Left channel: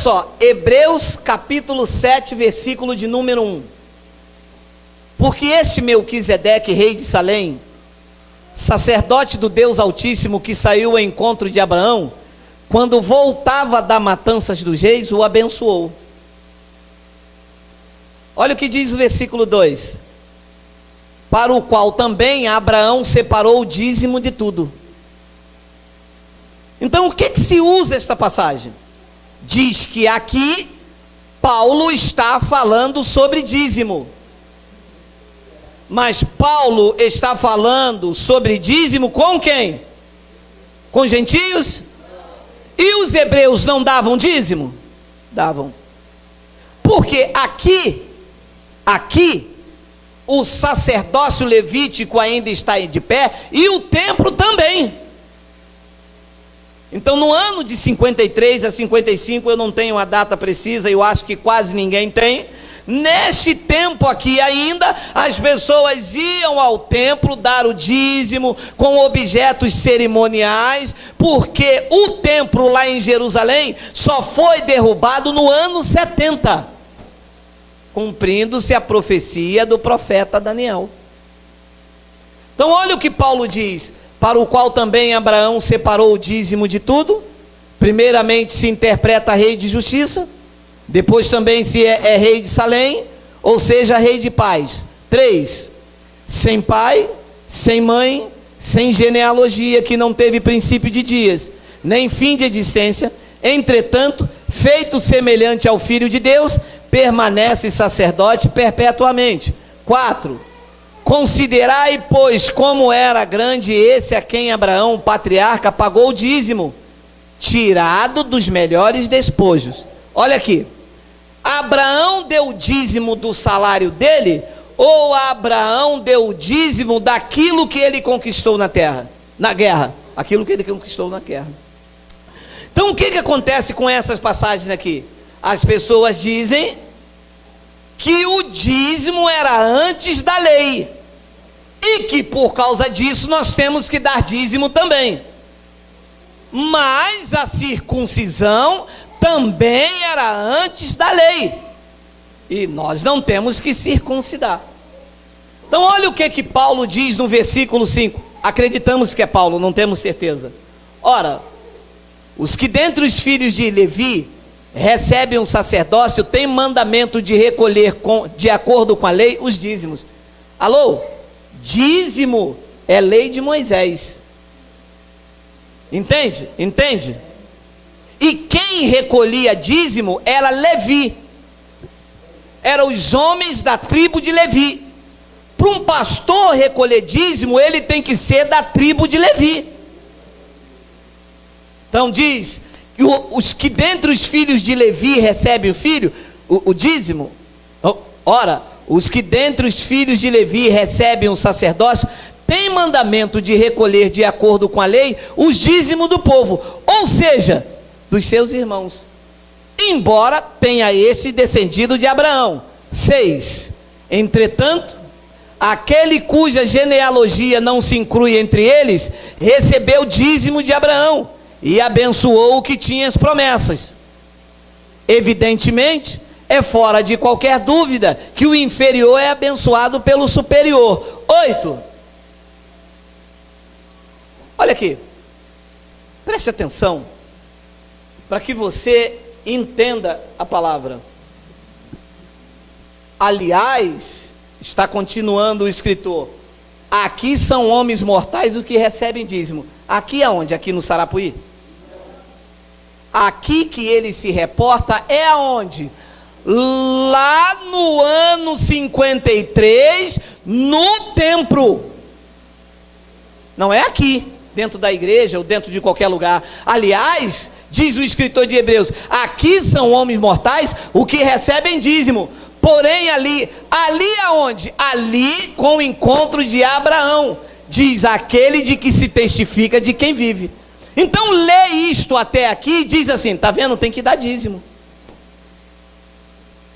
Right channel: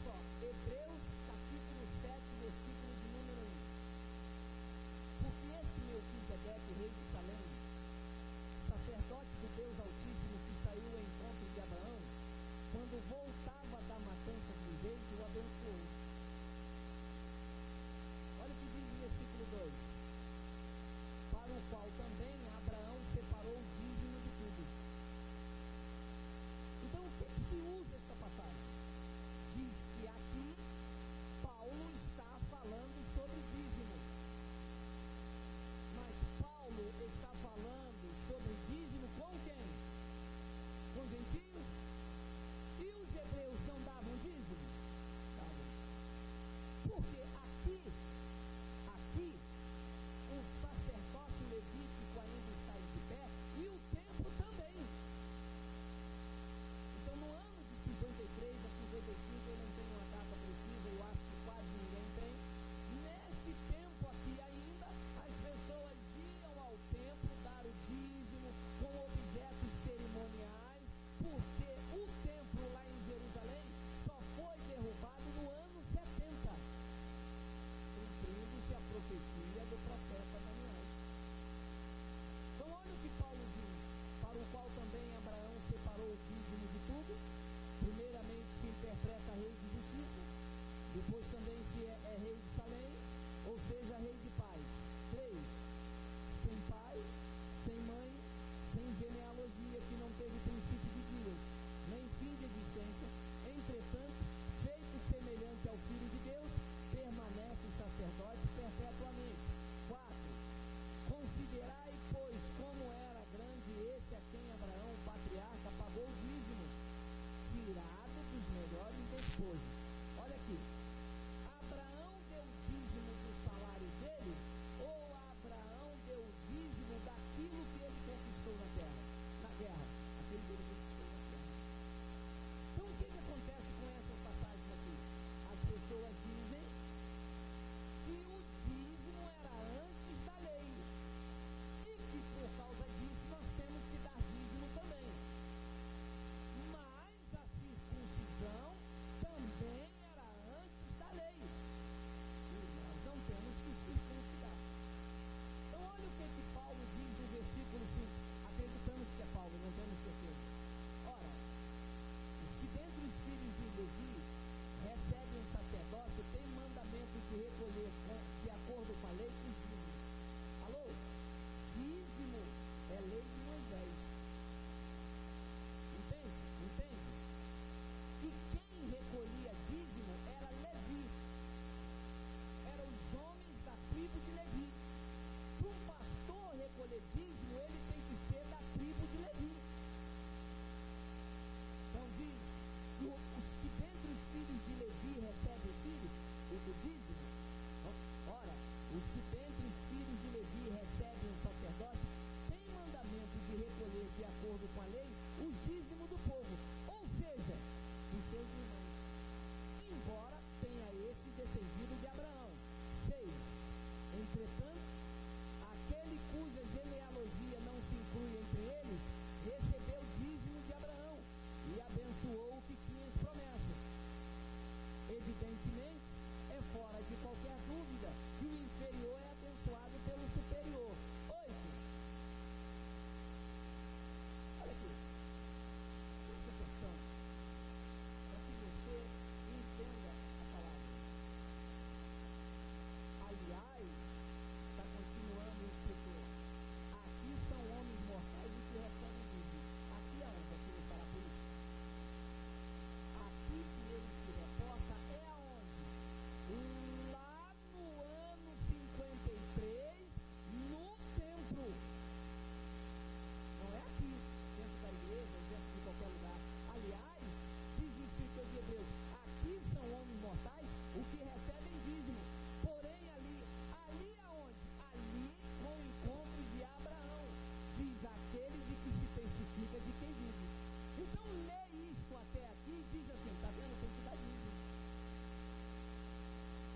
só, Hebreus capítulo 7, versículo de número 1. Porque este Melquisedeque, rei de Salém, sacerdote do Deus Altíssimo, que saiu ao encontro de Abraão, quando voltava da matanças dos reis, o abençoou. Olha o que diz o versículo 2: para o qual também Abraão separou o dízimo de tudo. Então o que se usa esta passagem? Diz que aqui Paulo está falando sobre dízimo. Mas Paulo está falando sobre dízimo com quem? Com gentios? E os hebreus não davam dízimo? Davam. Porque aqui o sacerdócio levítico ainda está de pé e o templo também. Então no ano de 53 a 55, eu não tenho a data precisa, eu acho que quase ninguém tem. Neste tempo aqui ainda, as pessoas iam ao templo dar o dízimo com objetos cerimoniais, porque o templo lá em Jerusalém só foi derrubado no ano 70, cumprindo-se a profecia do profeta Daniel. Então olha o que Paulo diz: para o qual também Abraão separou o dízimo de tudo. Primeiramente se interpreta rei de justiça, depois também se é rei de Salém, ou seja, rei de paz. 3, sem pai, sem mãe, sem genealogia, que não teve princípio de dias, nem fim de existência, entretanto, feito semelhante ao Filho de Deus, permanece sacerdote perpetuamente. 4, considerai, pois, como era grande esse a quem Abraão, o patriarca, pagou o dízimo, tirado dos melhores despojos. Olha aqui, Abraão deu o dízimo do salário dele, ou Abraão deu o dízimo daquilo que ele conquistou na terra, na guerra, aquilo que ele conquistou na guerra. Então o que acontece com essas passagens aqui? As pessoas dizem que o dízimo era antes da lei, e que por causa disso nós temos que dar dízimo também. Mas a circuncisão também era antes da lei, e nós não temos que circuncidar. Então olha o que Paulo diz no versículo 5, acreditamos que é Paulo, não temos certeza. Ora, os que dentre os filhos de Levi recebem um sacerdócio, têm mandamento de recolher, de acordo com a lei, os dízimos. Alô? Dízimo é lei de Moisés. Entende? Entende? E quem recolhia dízimo era Levi, eram os homens da tribo de Levi. Para um pastor recolher dízimo, ele tem que ser da tribo de Levi. Então diz que os que dentre os filhos de Levi recebem o dízimo. Ora, os que dentre os filhos de Levi recebem o sacerdócio, tem mandamento de recolher de acordo com a lei os dízimos do povo, ou seja, dos seus irmãos, embora tenha esse descendido de Abraão. 6, entretanto, aquele cuja genealogia não se inclui entre eles, recebeu dízimo de Abraão, e abençoou o que tinha as promessas. Evidentemente, é fora de qualquer dúvida que o inferior é abençoado pelo superior. 8, olha aqui, preste atenção, para que você entenda a palavra. Aliás, está continuando o escritor, aqui são homens mortais os que recebem dízimo. Aqui aonde? Aqui no Sarapuí? Aqui que ele se reporta é aonde? Lá no ano 53, no templo. Não é aqui, dentro da igreja ou dentro de qualquer lugar. Aliás, diz o escritor de Hebreus, aqui são homens mortais o que recebem dízimo. Porém ali aonde? Ali com o encontro de Abraão, diz aquele de que se testifica de quem vive. Então lê isto até aqui e diz assim, está vendo? Tem que dar dízimo.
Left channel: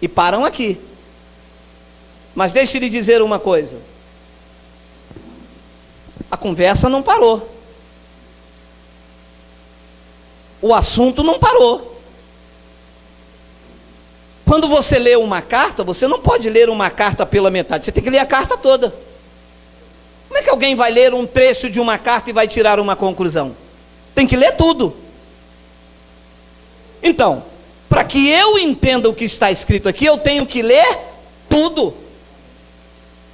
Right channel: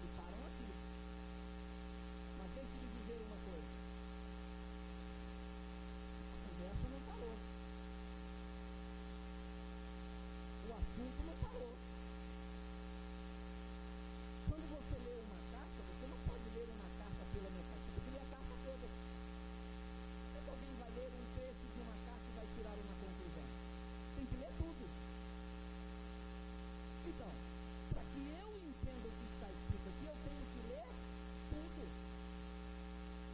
E param aqui. Mas deixe lhe dizer uma coisa, a conversa não parou, o assunto não parou. Quando você lê uma carta, você não pode ler uma carta pela metade, você tem que ler a carta toda. Como é que alguém vai ler um trecho de uma carta e vai tirar uma conclusão? Tem que ler tudo. Então, para que eu entenda o que está escrito aqui, eu tenho que ler tudo.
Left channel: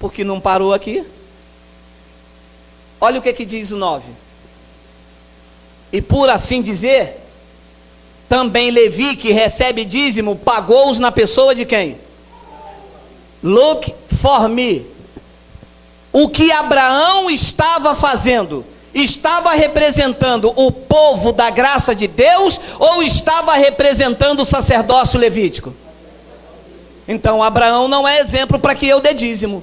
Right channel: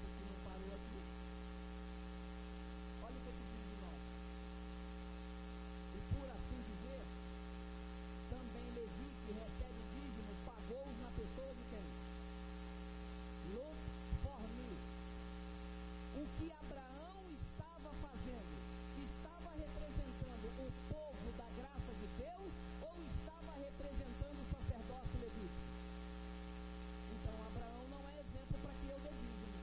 Porque não parou aqui. Olha o que diz o 9. E por assim dizer, também Levi, que recebe dízimo, pagou-os na pessoa de quem? Look for me. O que Abraão estava fazendo? Estava representando o povo da graça de Deus ou estava representando o sacerdócio levítico? Então Abraão não é exemplo para que eu dê dízimo.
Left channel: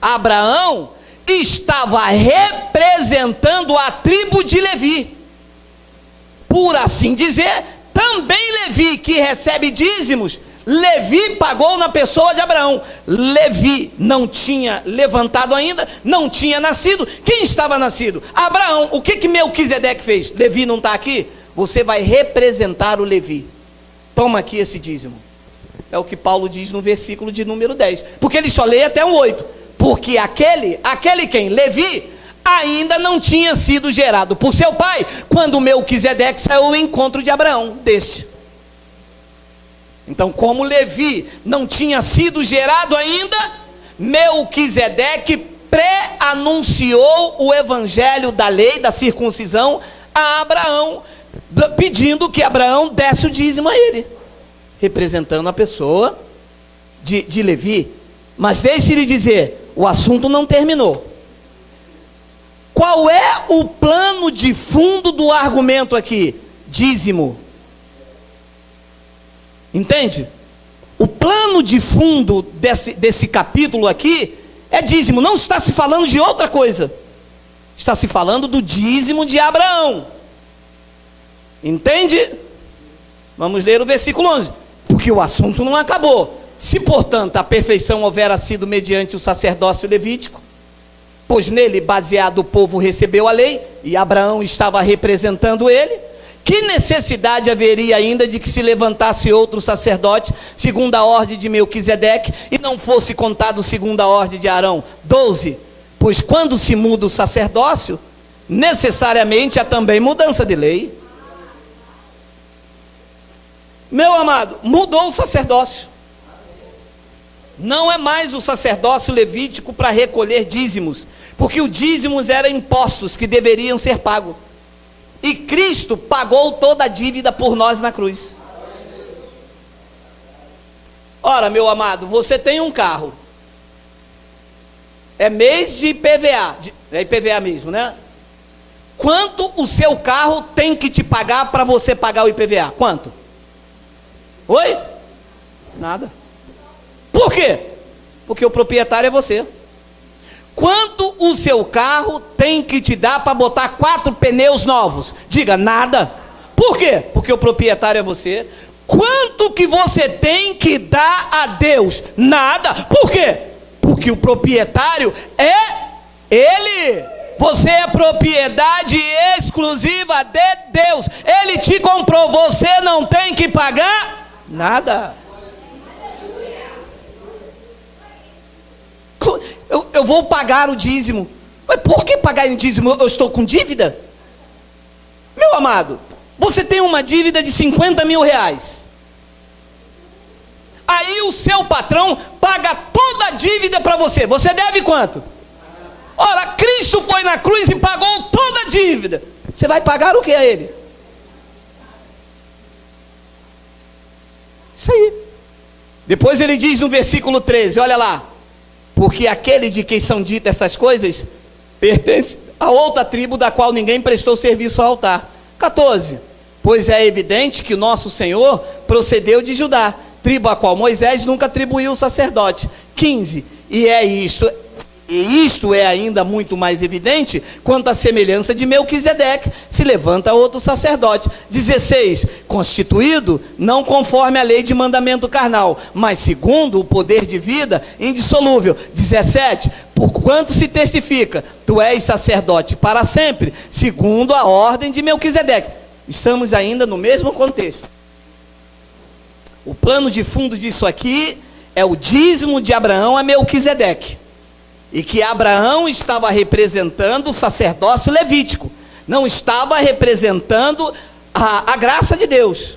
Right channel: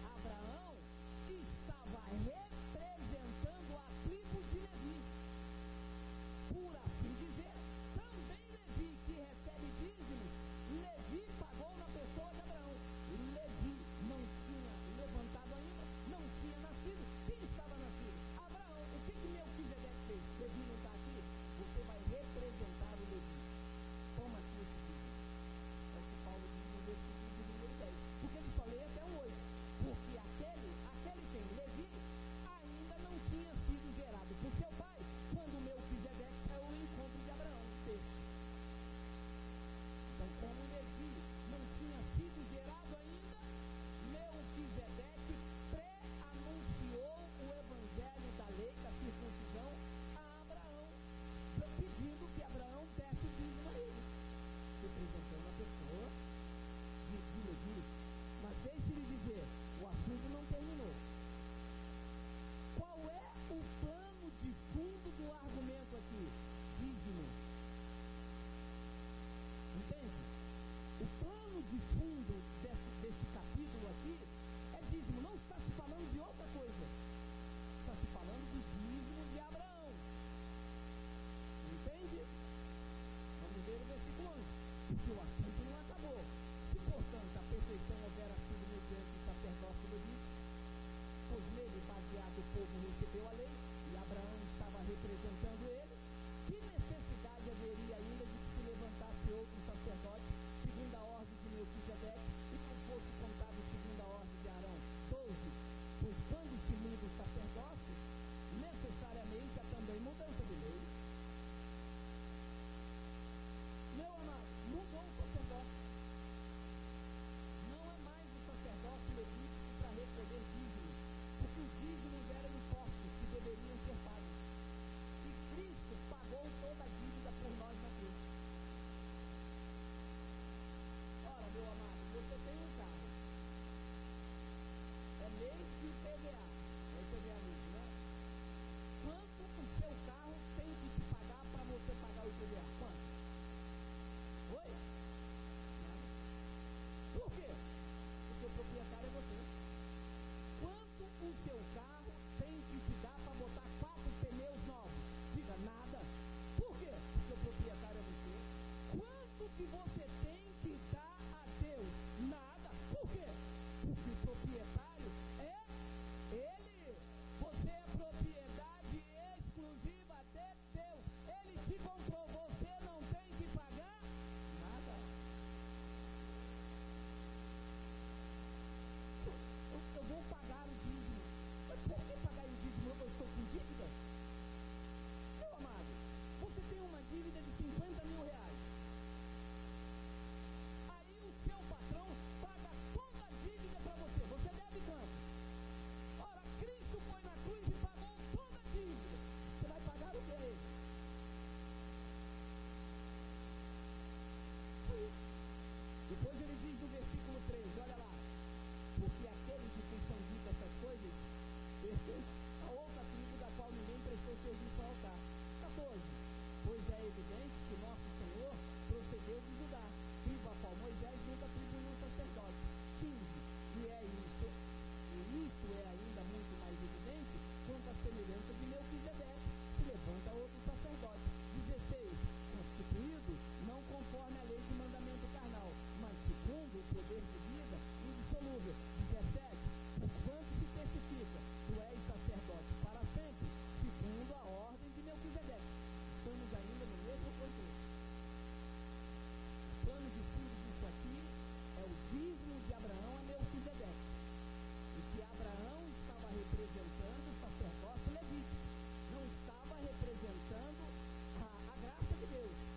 Abraão estava representando a tribo de Levi. Por assim dizer, também Levi, que recebe dízimos, Levi pagou na pessoa de Abraão. Levi não tinha levantado ainda, não tinha nascido. Quem estava nascido? Abraão. O que Melquisedeque fez? Levi não está aqui? Você vai representar o Levi. Toma aqui esse dízimo. É o que Paulo diz no versículo de número 10. Porque ele só lê até o 8. Porque aquele quem? Levi, ainda não tinha sido gerado por seu pai, quando Melquisedeque saiu ao encontro de Abraão, deste. Então, como Levi não tinha sido gerado ainda, Melquisedeque pré-anunciou o evangelho da lei, da circuncisão, a Abraão, pedindo que Abraão desse o dízimo a ele, representando a pessoa de Levi. Mas deixe-lhe dizer, o assunto não terminou. Qual é o plano de fundo do argumento aqui? Dízimo. Entende? O plano de fundo desse capítulo aqui é dízimo. Não está se falando de outra coisa. Está se falando do dízimo de Abraão. Entende? Vamos ler o versículo 11. Porque o assunto não acabou. Se, portanto, a perfeição houvera sido mediante o sacerdócio levítico, pois nele baseado o povo recebeu a lei, e Abraão estava representando ele, que necessidade haveria ainda de que se levantasse outro sacerdote, segundo a ordem de Melquisedeque, e não fosse contado segundo a ordem de Arão? 12. Pois quando se muda o sacerdócio, necessariamente há também mudança de lei. Meu amado, mudou o sacerdócio. Não é mais o sacerdócio levítico para recolher dízimos, porque os dízimos eram impostos que deveriam ser pagos. E Cristo pagou toda a dívida por nós na cruz. Ora, meu amado, você tem um carro. É mês de IPVA, é IPVA mesmo, né? Quanto o seu carro tem que te pagar para você pagar o IPVA? Quanto? Oi? Nada. Por quê? Porque o proprietário é você. Quanto o seu carro tem que te dar para botar 4 pneus novos? Diga, nada. Por quê? Porque o proprietário é você. Quanto que você tem que dar a Deus? Nada. Por quê? Porque o proprietário é Ele. Você é propriedade exclusiva de Deus. Ele te comprou, você não tem que pagar nada. Eu vou pagar o dízimo. Mas por que pagar em dízimo? Eu estou com dívida? Meu amado, você tem uma dívida de 50 mil reais. Aí o seu patrão paga toda a dívida para você. Você deve quanto? Ora, Cristo foi na cruz e pagou toda a dívida. Você vai pagar o que a Ele? Isso aí. Depois ele diz no versículo 13, olha lá. Porque aquele de quem são ditas essas coisas pertence a outra tribo da qual ninguém prestou serviço ao altar. 14. Pois é evidente que nosso Senhor procedeu de Judá, tribo a qual Moisés nunca atribuiu o sacerdote. 15. E isto é ainda muito mais evidente quanto à semelhança de Melquisedeque, se levanta outro sacerdote. 16, constituído não conforme a lei de mandamento carnal, mas segundo o poder de vida indissolúvel. 17, porquanto se testifica, tu és sacerdote para sempre, segundo a ordem de Melquisedeque. Estamos ainda no mesmo contexto. O plano de fundo disso aqui é o dízimo de Abraão a Melquisedeque. E que Abraão estava representando o sacerdócio levítico, não estava representando a graça de Deus.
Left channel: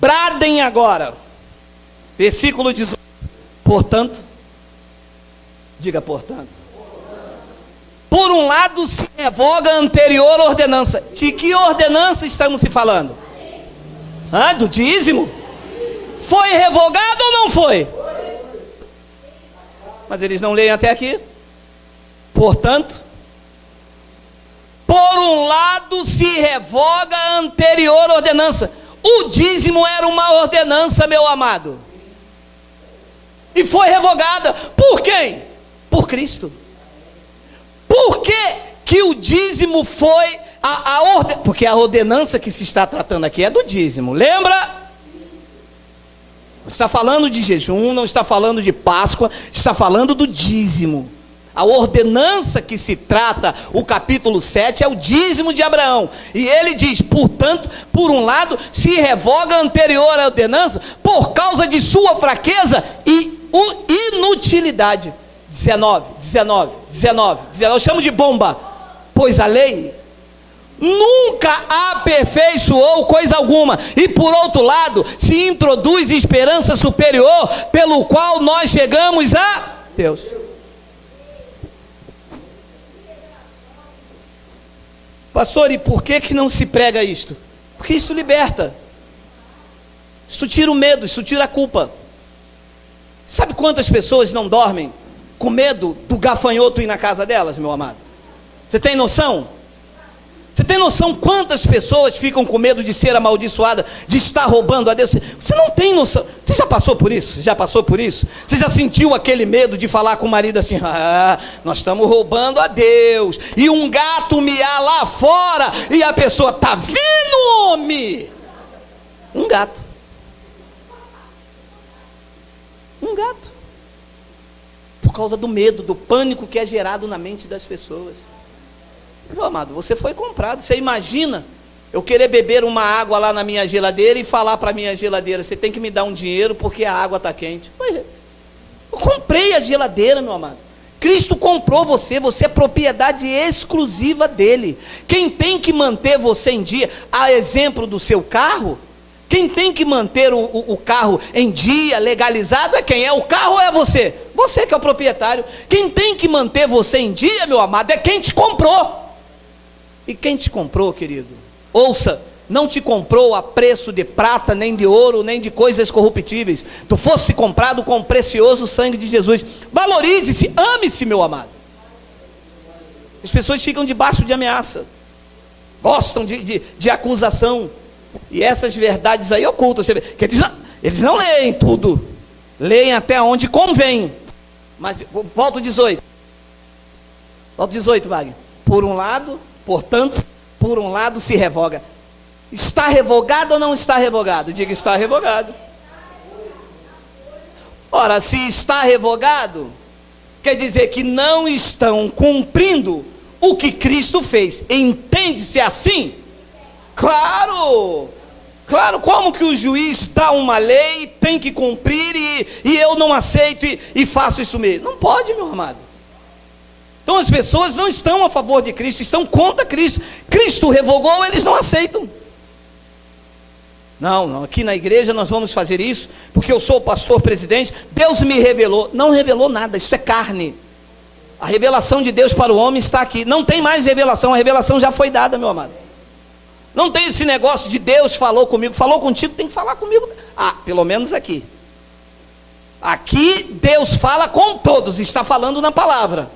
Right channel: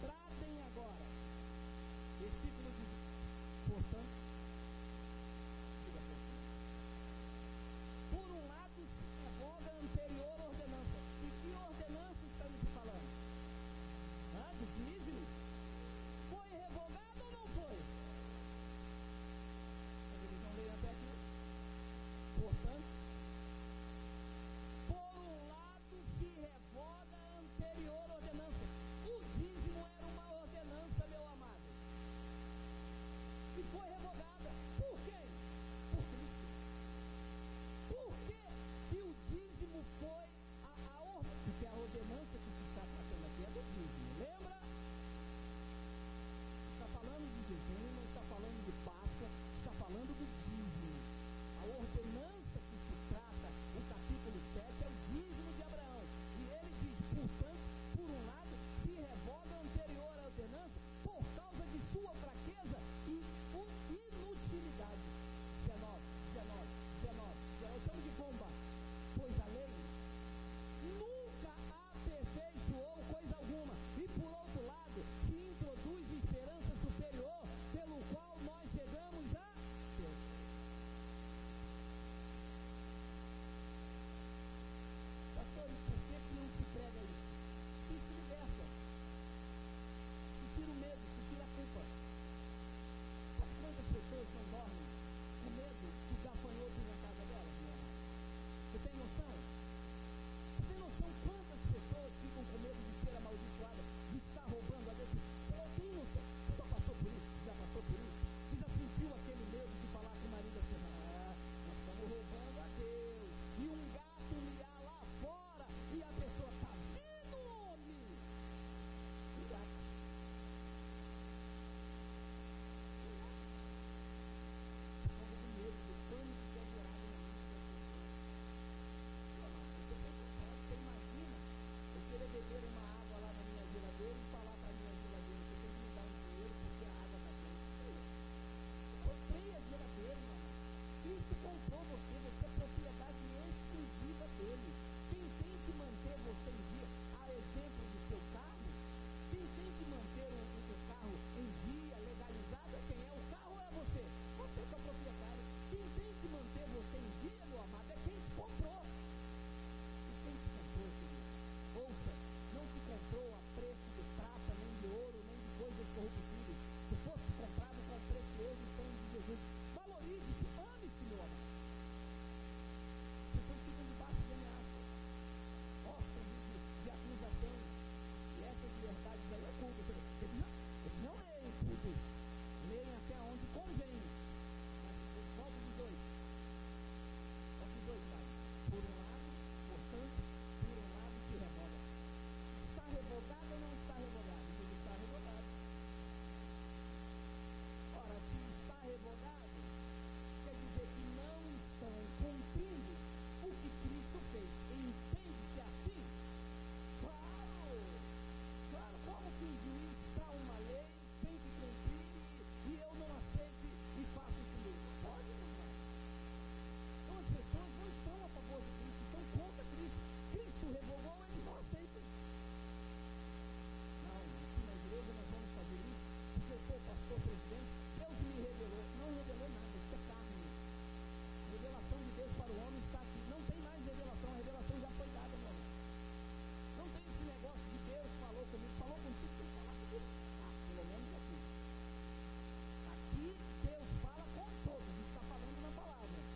Bradem agora, versículo 18. Portanto, diga portanto. Por um lado se revoga a anterior ordenança. De que ordenança estamos se falando? Do dízimo? Foi revogado ou não foi? Mas eles não leem até aqui. Portanto, por um lado se revoga a anterior ordenança. O dízimo era uma ordenança, meu amado, e foi revogada. Por quem? Por Cristo. Por que o dízimo foi porque a ordenança que se está tratando aqui é do dízimo, lembra? Está falando de jejum, não está falando de Páscoa, está falando do dízimo. A ordenança que se trata, o capítulo 7, é o dízimo de Abraão. E ele diz, portanto, por um lado, se revoga a anterior ordenança por causa de sua fraqueza e inutilidade. 19, eu chamo de bomba. Pois a lei nunca aperfeiçoou coisa alguma, e por outro lado, se introduz esperança superior, pelo qual nós chegamos a Deus. Pastor, e por que não se prega isto? Porque isso liberta, isso tira o medo, isso tira a culpa. Sabe quantas pessoas não dormem com medo do gafanhoto ir na casa delas, meu amado? Você tem noção? Você tem noção quantas pessoas ficam com medo de ser amaldiçoada, de estar roubando a Deus? Você não tem noção. Você já passou por isso? Já passou por isso? Você já sentiu aquele medo de falar com o marido assim, nós estamos roubando a Deus, e um gato miar lá fora, e a pessoa, tá vendo, homem? Um gato. Por causa do medo, do pânico que é gerado na mente das pessoas. Meu amado, você foi comprado. Você imagina eu querer beber uma água lá na minha geladeira e falar para a minha geladeira, você tem que me dar um dinheiro porque a água está quente. Eu comprei a geladeira, meu amado. Cristo comprou você, você é propriedade exclusiva dele. Quem tem que manter você em dia, a exemplo do seu carro, quem tem que manter o carro em dia, legalizado, é quem? É o carro ou é você? Você que é o proprietário. Quem tem que manter você em dia, meu amado, é quem te comprou. E quem te comprou, querido? Ouça, não te comprou a preço de prata, nem de ouro, nem de coisas corruptíveis. Tu foste comprado com o precioso sangue de Jesus. Valorize-se, ame-se, meu amado. As pessoas ficam debaixo de ameaça, gostam de acusação, e essas verdades aí ocultas, que eles não leem tudo, leem até onde convém. Mas volta o 18. Volta o 18, Wagner. Portanto, por um lado se revoga. Está revogado ou não está revogado? Diga, está revogado. Ora, se está revogado, quer dizer que não estão cumprindo o que Cristo fez. Entende-se assim? Claro, como que o juiz dá uma lei, tem que cumprir, e eu não aceito e faço isso mesmo? Não pode, meu amado. Então as pessoas não estão a favor de Cristo, estão contra Cristo. Cristo revogou, eles não aceitam. Não, aqui na igreja nós vamos fazer isso, porque eu sou o pastor presidente, Deus me revelou. Não revelou nada, isso é carne. A revelação de Deus para o homem está aqui. Não tem mais revelação, a revelação já foi dada, meu amado. Não tem esse negócio de Deus falou comigo, falou contigo, tem que falar comigo. Pelo menos aqui. Aqui Deus fala com todos, está falando na palavra.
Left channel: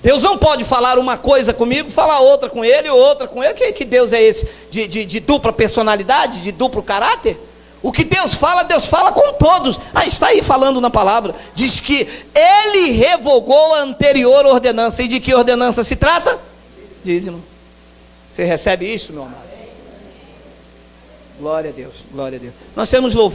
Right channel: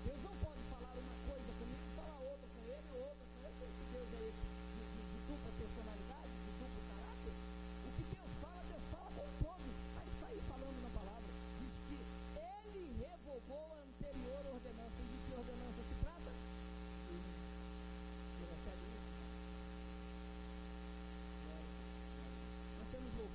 Deus não pode falar uma coisa comigo, falar outra com ele, outra com ele. Que Deus é esse? De dupla personalidade, de duplo caráter? O que Deus fala com todos. Está aí falando na palavra. Diz que ele revogou a anterior ordenança. E de que ordenança se trata? Dízimo. Você recebe isso, meu amado? Glória a Deus, glória a Deus. Nós temos louvor.